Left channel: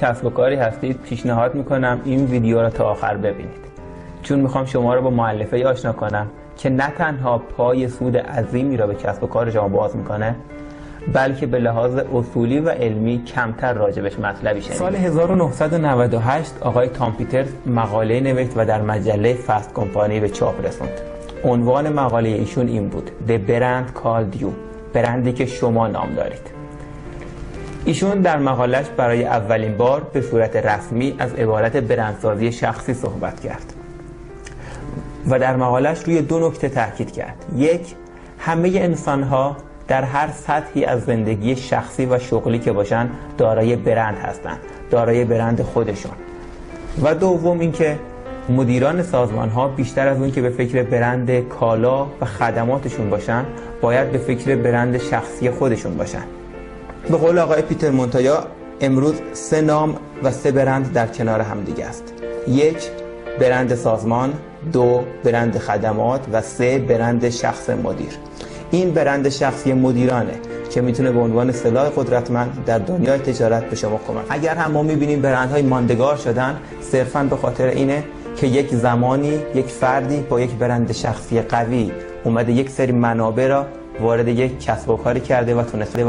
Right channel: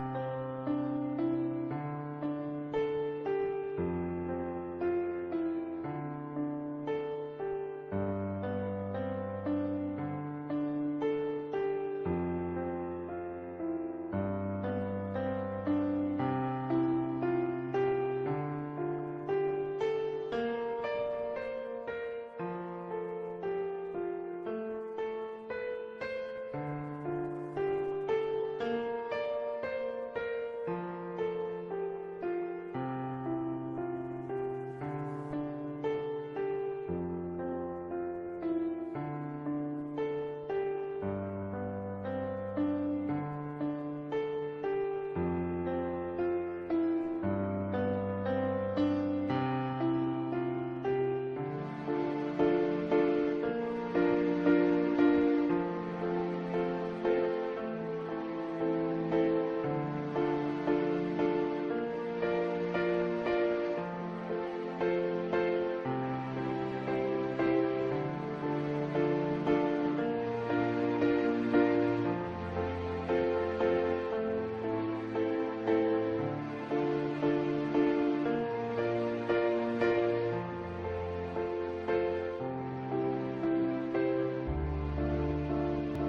کسب و کاری هستید پیشنهاد میکنم این ویدیو را تا آخر ببینید، چون میخوام شما را با مؤلفه‌ای آشنا کنم که نه تنها پای سود عظیمی را به کسب و کار شما باز میکنه، بلکه به لحاظ اصولی و علمی کمتر راجبش مطلبی شنیدید. سال 1998 آقای تام پیترز مقاله نوشت و در مجله فست کمپانی به چاپ رسوند. عنوان مقاله ایشون این بود: The Brand Called You، برندی که شما نام دارید. ایشون در مقالش برای اولین بار به صورت رسمی از عبارت برندسازی شخصی صحبت کرد و در مقالش روی دو نکته تاکید کرد. یک، همه انسان‌ها در هر سطحی از زندگی شخصی و شغلی که باشن دارای برند هستند، دارای برند خودشون. و دوم اینکه مدیران سازمان‌ها بیشتر از اون که به فکر برند کالا و خدماتشون باشن، باید به فکر برند شخصی خودشون باشن. به قول آقای پیتر مونتویا، امروز 3 نام و 3 برند در کنار هم دیگه است. 1 برند سازمان، 2 برند خدمات و 3 برند شخص مدیر. این برند شخصی مدیرانه که میتونه به عنوان سلاح قدرتمند در دنیای تجارت به شما کمک. اگر هم ما میبینیم برندهای ماندگار شدن، صرفاً به خاطر اینه که یک زمانی یک فردی با یک برند شخصی قوی اومده یک سری منابع را وارد یک کسب و کاری کرده و تونسته